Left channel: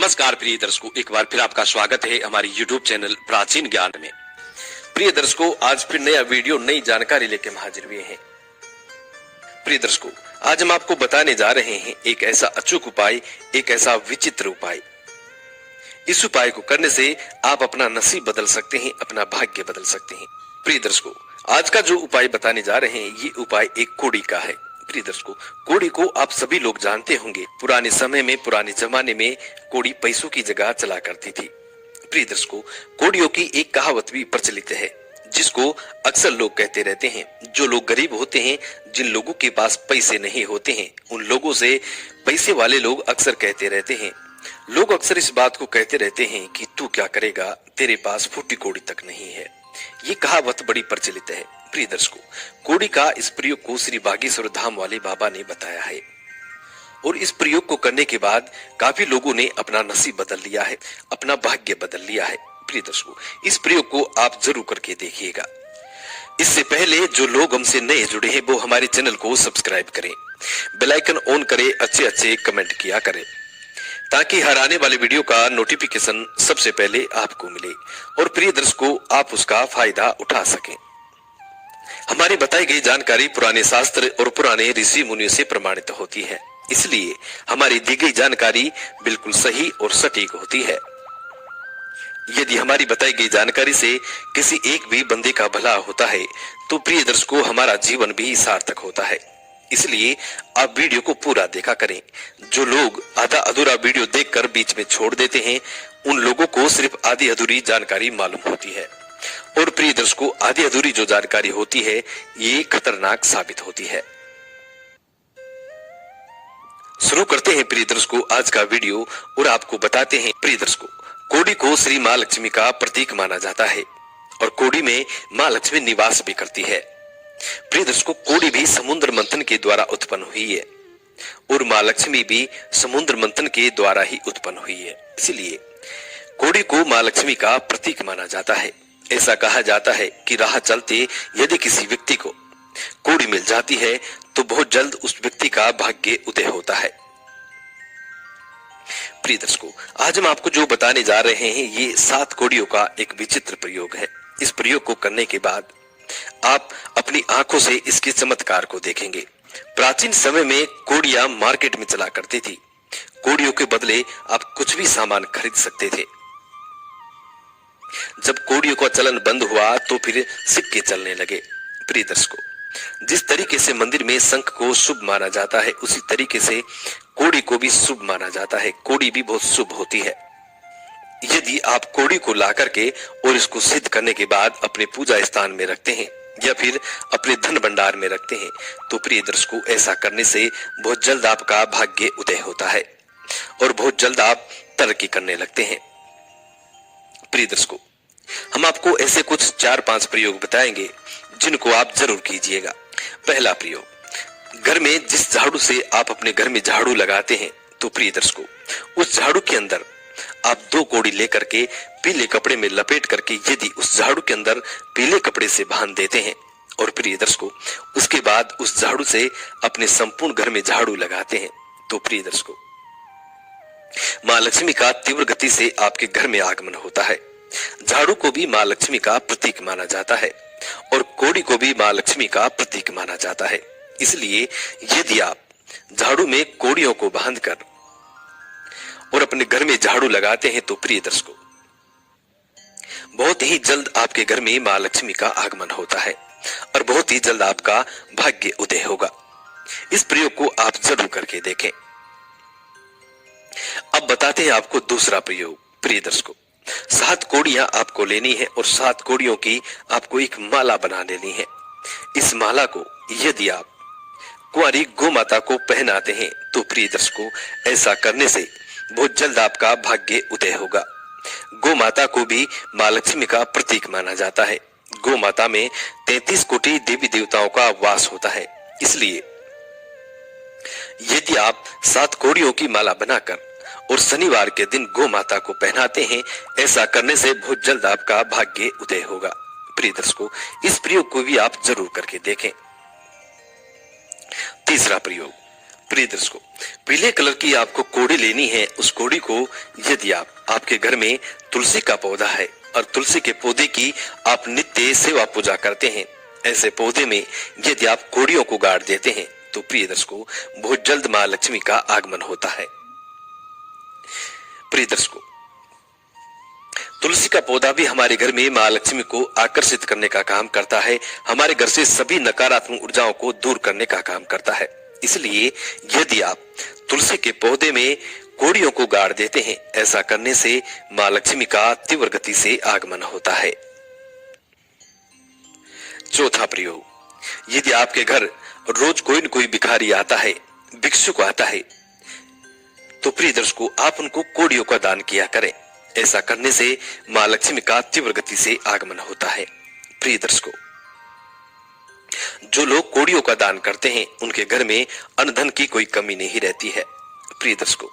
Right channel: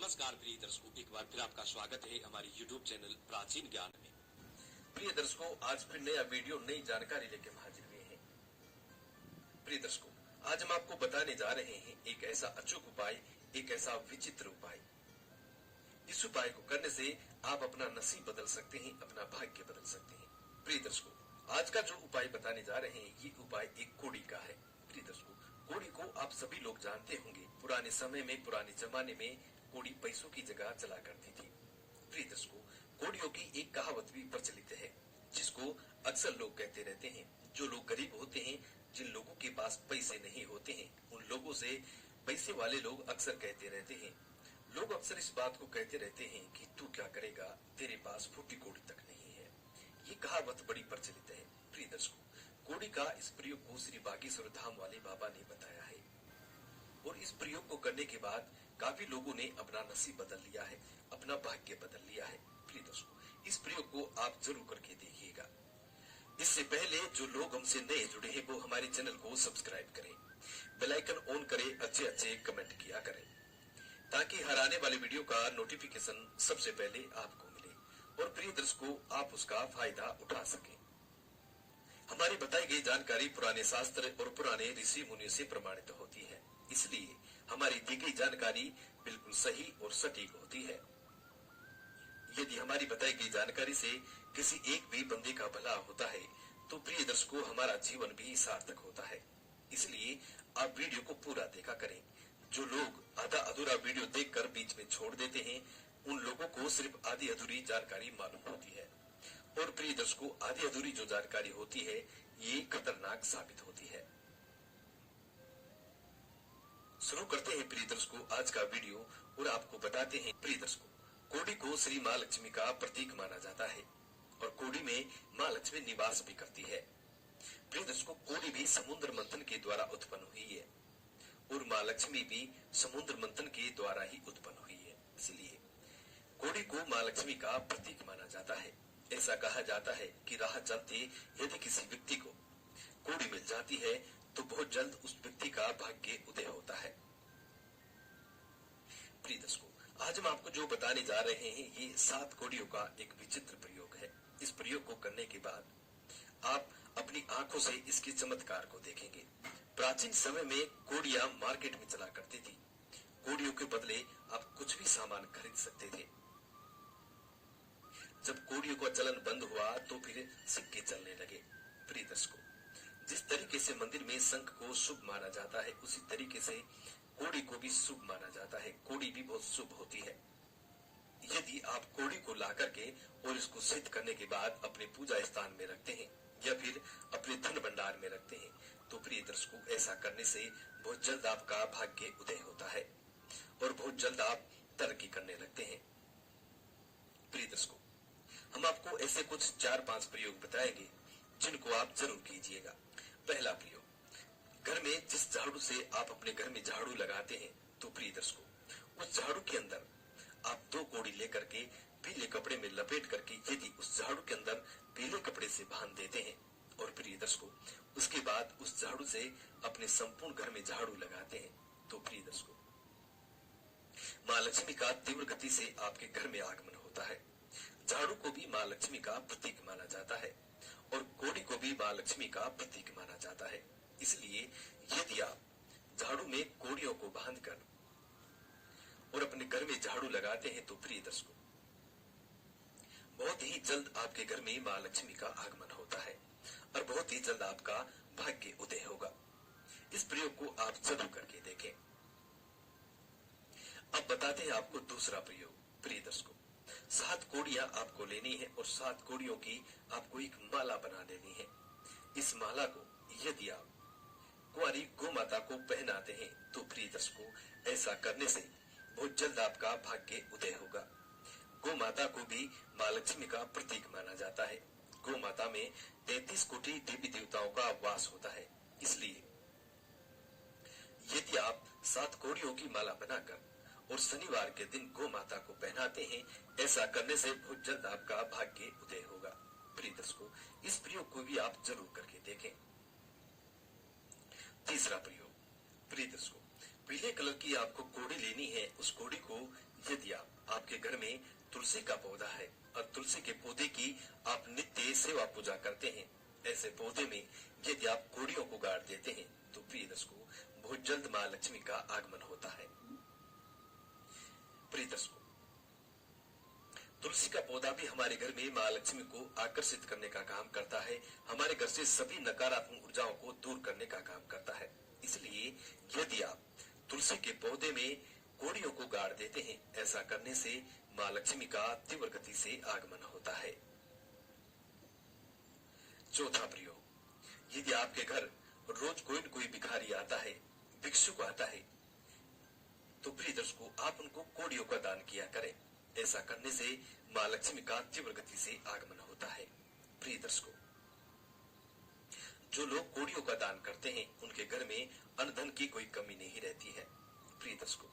नमस्कार प्रिय दर्शकों, एक बार फिर आपका स्वागत है हमारी YouTube चैनल प्राचीन ज्ञान में। प्रिय दर्शकों, आज फिर नया वीडियो नई जानकारी लेकर हाजिर हुए हैं। प्रिय दर्शकों, आज हम आपको बताने जा रहे हैं एक ऐसा अचूक उपाय, एक ऐसा विचित्र उपाय। इस उपाय को करने से आप अपना नसीब बदल सकते हैं, अपना भाग्य बदल सकते हैं। प्रिय दर्शकों, आज का जो उपाय बताने जा रहे हैं, ये उपाय एक कोड़ी का है। प्रिय दर्शकों, कोड़ी को आप सभी लोग जानते होंगे। पुराने समय में, पुराने जमाने में कोड़ी पैसों की जगह चला करती थी। प्रिय दर्शकों, कोड़ियों की एक कहावत भी प्रचलित है, जिसको अक्सर लोग कहते रहते हैं। जो लोग गरीब होते हैं, जिन लोगों के पास पैसे नहीं होते हैं, उन लोगों से पैसे वाले लोग अक्सर कहते रहते हैं। लोग अक्सर इस बात को कहते रहते हैं कि तू क्या करेगा, तेरे पास फूटी कोड़ी तक नहीं है। ये कहावत बड़ी प्रचलित है। प्रिय दर्शकों, कोड़ी का इस प्रयोग को श्री बागेश्वर धाम वाले बाबा ने बताया है, और इस प्रयोग को करने के बाद काफी लोगों ने अपना नसीब बदल लिया है, अपना भाग्य बदल लिया है। प्रिय दर्शकों, इस प्रयोग को आप जरूर करके देखिएगा। इससे पहले जो लोग हमसे नए जुड़े हैं, वो हमारे चैनल को सब्सक्राइब करें, बेल आइकन ऑन करें, अच्छे अच्छे कमेंट किया करें, ताकि हर आने वाले वीडियो का नोटिफिकेशन सबसे पहले आपको मिले और प्रिय दर्शकों, आप उसका फायदा उठा सकें। हमारी बताई गई जानकारी पुराने शास्त्र और पुराने ऋषि मुनियों से प्रमाणित होती है, इसलिए हमारी दी गई जानकारी बिल्कुल सही और सटीक होती है। यदि हमारी बताई गई जानकारी से किसी एक भी बंदे का भला होता है, तो प्रिय दर्शकों, हमारा जीवन भी सार्थक होता है। इसलिए आप वीडियो को पूरा देखा करें। जो लोग आधा अधूरा वीडियो देखकर बीच में छोड़ देते हैं, उन लोगों को सिर्फ आधी अधूरी जानकारी मालूम होती है, और प्रिय दर्शकों, आधी अधूरी जो जानकारी होती है, ये खतरनाक साबित होती है। शुरू करते हैं प्रिय दर्शकों आज का वीडियो, और आपको बताते हैं। प्रिय दर्शकों, कोड़ी को श्री माँ लक्ष्मी का प्रतीक माना जाता है, और कोड़ी में माँ लक्ष्मी निवास भी करती है। प्रिय दर्शकों, कोड़ी भी समुद्र मंथन के द्वारा उत्पन्न हुई है, और माँ लक्ष्मी भी समुद्र मंथन के द्वारा ही उत्पन्न हुई है। इसलिए कोड़ी को माँ लक्ष्मी का प्रतीक माना जाता है। ऐसा कहा जाता है कि राह चलते यदि किसी व्यक्ति को कोड़ी मिल जाती है, तो बहुत जल्द उस व्यक्ति का भाग्य उदय होता है। प्रिय दर्शकों, आज हम आपको जो बताने जा रहे हैं, ये 7 कोड़ियों का एक विचित्र प्रयोग है। इस प्रयोग को करने के बाद आप अपनी आंखों से इसके चमत्कार को देखेंगे। प्राचीन समय में कोड़ियां मार्केट में चला करती थी। कोड़ियों के बदले आप कुछ भी सामान खरीद सकते थे। जब कोड़ियों का चलन बंद हुआ, तो फिर सिक्के चलने लगे। प्रिय दर्शकों, जिस तरीके से मंदिर में शंख को शुभ माना जाता है, उसी तरीके से कोड़ी को भी शुभ माना जाता है। कोड़ी भी बहुत शुभ होती है। यदि आप कोड़ी को ला करके और इसको सिद्ध करने के बाद अपने पूजा स्थान में रखते हैं, या फिर अपने धन भंडार में रखते हैं, तो प्रिय दर्शकों, ऐसा करने से बहुत जल्द आपका भाग्य उदय होता है, और बहुत जल्द आप तरक्की करने लगते हैं। प्रिय दर्शकों, हम आपको ऐसे कुछ 4-5 प्रयोग बताएंगे, जिनको आप जरूर कीजिएगा। पहला प्रयोग, घर में जिस झाड़ू से आप अपने घर में झाड़ू लगाते हैं, तो प्रिय दर्शकों, उस झाड़ू के अंदर आप 2 कोड़ी लेकर के पीले कपड़े में लपेट करके यदि उस झाड़ू के अंदर पीले कपड़े से बांध देते हैं, और प्रिय दर्शकों, उसके बाद उस झाड़ू से अपने संपूर्ण घर में झाड़ू लगाते हैं, तो प्रिय दर्शकों, माँ लक्ष्मी का तीव्र गति से आपके घर में आगमन होता है। झाड़ू को भी माँ लक्ष्मी का प्रतीक माना जाता है, और कोड़ी को भी माँ लक्ष्मी का प्रतीक माना जाता है। इसलिए यदि आप झाड़ू में कोड़ियों को बांधकर और अपने घर में झाड़ू लगाते हैं, तो प्रिय दर्शकों, बहुत ही जल्द आपके घर में माँ लक्ष्मी का आगमन होता है, और बहुत ही जल्द आपका भाग्य उदय होगा। इस प्रयोग को आप जरूर करके देखें। अब बताते हैं आपको दूसरा प्रयोग। प्रिय दर्शकों, 7 कोड़ियां आपको लेनी है, और 7 कोड़ियों की आपको एक माला बना लेनी है। इस माला को यदि आप कुंवारी गौ माता को पहनाते हैं, तो प्रिय दर्शकों, ऐसा करने से बहुत जल्द आपका भाग्य उदय होगा। गौ माता को भी माँ लक्ष्मी का प्रतीक माना जाता है। गौ माता में 33 कोटि देवी देवताओं का वास होता है। इसलिए यदि आप 7 कोड़ियों की माला बनाकर और शनिवार के दिन गौ माता को पहनाते हैं, ऐसा करने से बहुत जल्द आपका भाग्य उदय होगा। प्रिय दर्शकों, इस प्रयोग को भी आप जरूर करके देखें। तीसरा प्रयोग, प्रिय दर्शकों, पीले कलर की आपको कोड़ी लेनी है। उस कोड़ी को यदि आपके घर में तुलसी का पौधा है और तुलसी के पौधे की आप नित्य सेवा पूजा करते हैं, ऐसे पौधे में यदि आप कोड़ियों को गाड़ देते हैं तो प्रिय दर्शकों, बहुत जल्द मां लक्ष्मी का आगमन होता है। प्रिय दर्शकों, तुलसी का पौधा भी हमारे घर में मां लक्ष्मी को आकर्षित करने का काम करता है, हमारे घर से सभी नकारात्मक ऊर्जाओं को दूर करने का काम करता है। इसलिए यदि आप तुलसी के पौधे में कोड़ियों को गाड़ देते हैं, ऐसा करने से मां लक्ष्मी का तीव्र गति से आगमन होता है। चौथा प्रयोग, यदि आपके घर रोज कोई न कोई भिखारी आता है, भिक्षुक आता है, तो प्रिय दर्शकों, आप उनको कोड़ियों का दान किया करें। ऐसा करने से मां लक्ष्मी का तीव्र गति से आगमन होता है। प्रिय दर्शकों, जो लोग कोड़ियों का दान करते हैं उनके घर में अन्न धन की कोई कमी नहीं रहती है। प्रिय दर्शकों,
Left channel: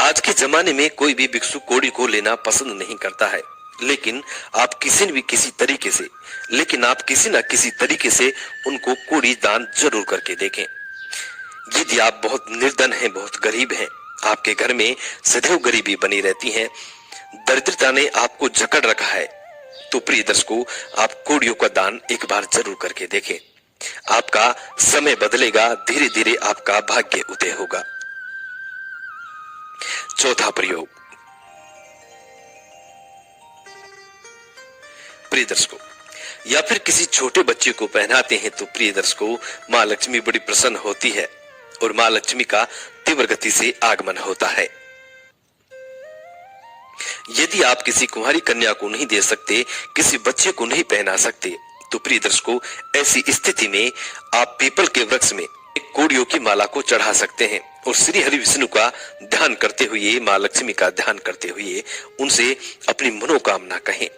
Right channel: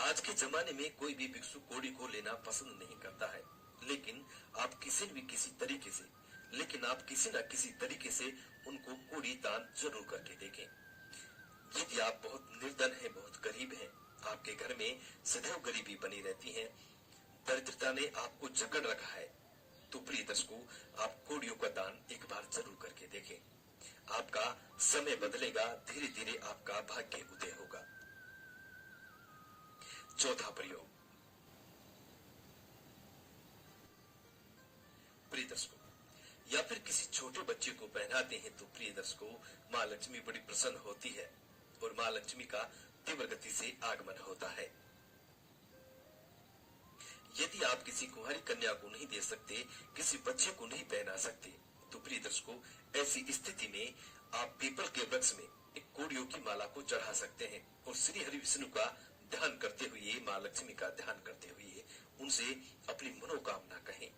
आज के जमाने में कोई भी भिक्षु कोड़ी को लेना पसंद नहीं करता है, लेकिन आप किसी न किसी तरीके से उनको कोड़ी दान जरूर करके देखें। यदि आप बहुत निर्धन हैं, बहुत गरीब हैं, आपके घर में सदैव गरीबी बनी रहती है, दरिद्रता ने आपको जकड़ रखा है, तो प्रिय दर्शकों, आप कोड़ियों का दान एक बार जरूर करके देखें। आपका समय बदलेगा, धीरे धीरे आपका भाग्य उदय होगा। चौथा प्रयोग, प्रिय दर्शकों, या फिर किसी छोटे बच्चे को पहनाते हैं तो प्रिय दर्शकों, मां लक्ष्मी बड़ी प्रसन्न होती है और मां लक्ष्मी का तीव्र गति से आगमन होता है। यदि आप किसी कुंवारी कन्या को नहीं दे सकते, किसी बच्चे को नहीं पहना सकते, तो प्रिय दर्शकों, ऐसी स्थिति में आप पीपल के वृक्ष में एक कोड़ियों की माला को चढ़ा सकते हैं और श्री हरि विष्णु का ध्यान करते हुए, मां लक्ष्मी का ध्यान करते हुए उनसे अपनी मनोकामना कहें।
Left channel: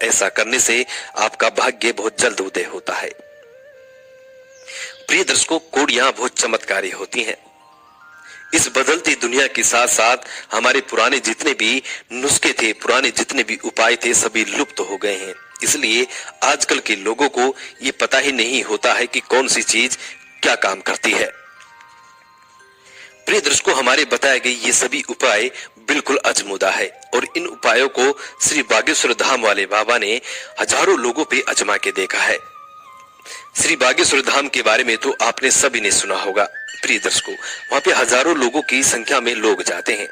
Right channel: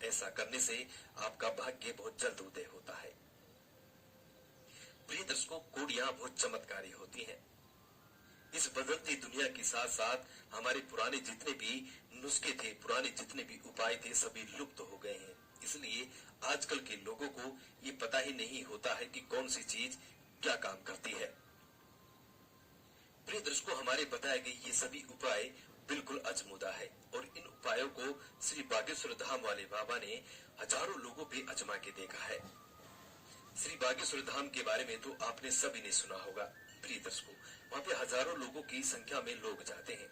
ऐसा करने से आपका भाग्य बहुत जल्द उदय होता है। प्रिय दर्शकों, कोड़ियां बहुत चमत्कारी होती हैं। इस बदलती दुनिया के साथ साथ हमारे पुराने जितने भी नुस्खे थे, पुराने जितने भी उपाय थे, सभी लुप्त हो गए हैं। इसलिए आजकल के लोगों को ये पता ही नहीं होता है कि कौन सी चीज क्या काम करती है। प्रिय दर्शकों, हमारे बताए गए ये सभी उपाय बिल्कुल अजमुदा है और इन उपायों को श्री बागेश्वर धाम वाले बाबा ने हजारों लोगों पे आजमा के देखा है। श्री बागेश्वर धाम के बारे में तो आपने सभी ने सुना होगा। प्रिय दर्शकों, वहां पे हजारों लोगों की संख्या में लोग जाते हैं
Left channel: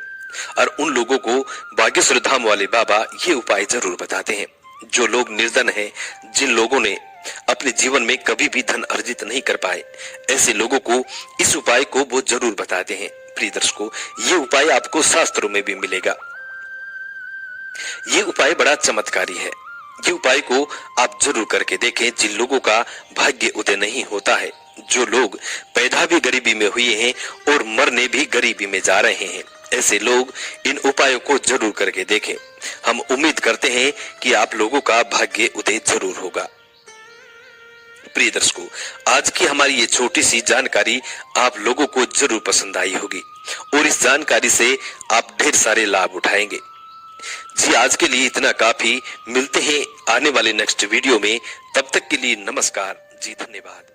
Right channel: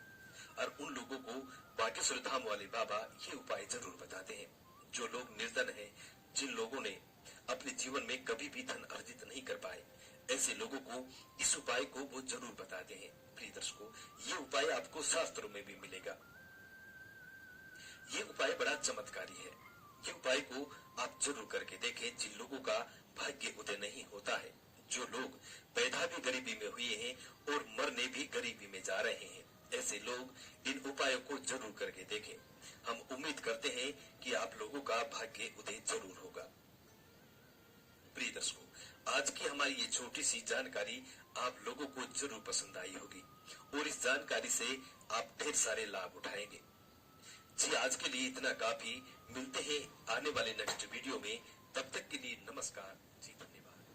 और उन लोगों को बागेश्वर धाम वाले बाबा ये उपाय जरूर बताते हैं। जो लोग निर्धन हैं, जिन लोगों ने अपने जीवन में कभी भी धन अर्जित नहीं कर पाए, ऐसे लोगों को इस उपाय को वो जरूर बताते हैं। प्रिय दर्शकों, ये उपाय आपको शास्त्रों में भी मिलेगा। ये उपाय बड़ा चमत्कारी है। ये उपाय को आप जरूर करके देखें। जिन लोगों का भाग्य उदय नहीं होता है, जो लोग पैदा भी गरीबी में हुए हैं और मरने भी गरीबी में जा रहे हैं, ऐसे लोग इन उपायों को जरूर करके देखें। हम उम्मीद करते हैं कि आप लोगों का भाग्य उदय जरूर होगा। प्रिय दर्शकों, आज की हमारी ये छोटी सी जानकारी आप लोगों को जरूर पसंद आई होगी और इस जानकारी से आप ढेर सारे लाभ उठाएंगे। जी, आज के लिए इतना काफी। मिलते हैं आने वाले नेक्स्ट वीडियो में। तब तक के लिए नमस्कार जी, धन्यवाद।